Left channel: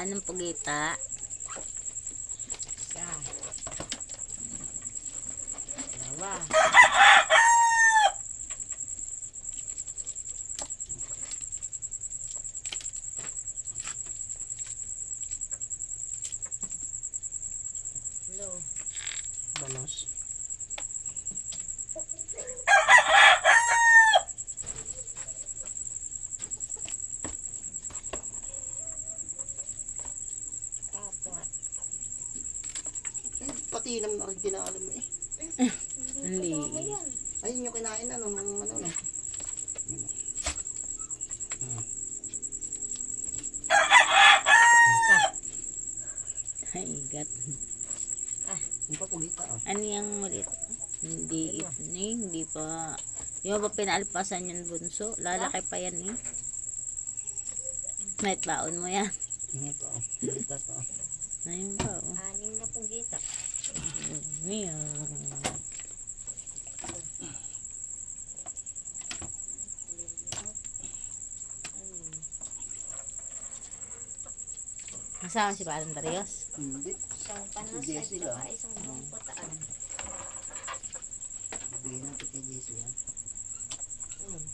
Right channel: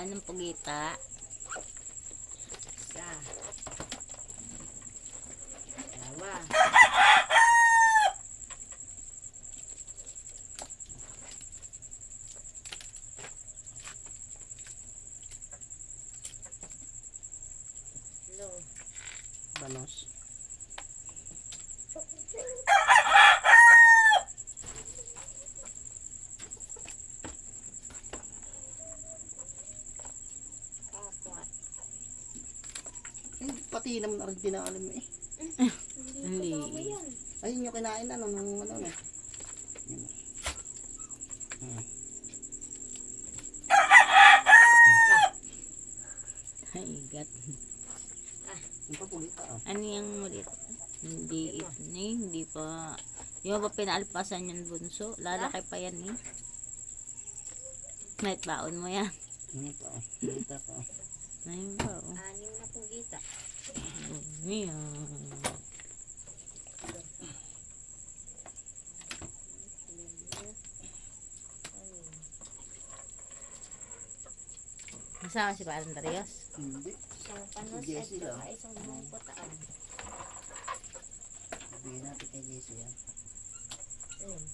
Anong pugita? Isa. Dalawa. Hello. Banos. Apat. Pati naman na rin tinaalam eh. Ang liit. Ayun yung kinain na nung ano na. Ay, gat. Yung papugita oh. Ano yung ulit? Hindi, hindi pa. Yung ba pinaalpasan yung bunso? Lalaki pa yan eh. May baon mo yan. Ano pa oh. Pugita pa oh. Ayun pa oh. 6 na pugita. Mia. Nasaan si Parang Darius? Hindi. Isang panas Si at Jessie saka lang. isang buong putaan. Bigyan natin kay Jessie yan. Ayun.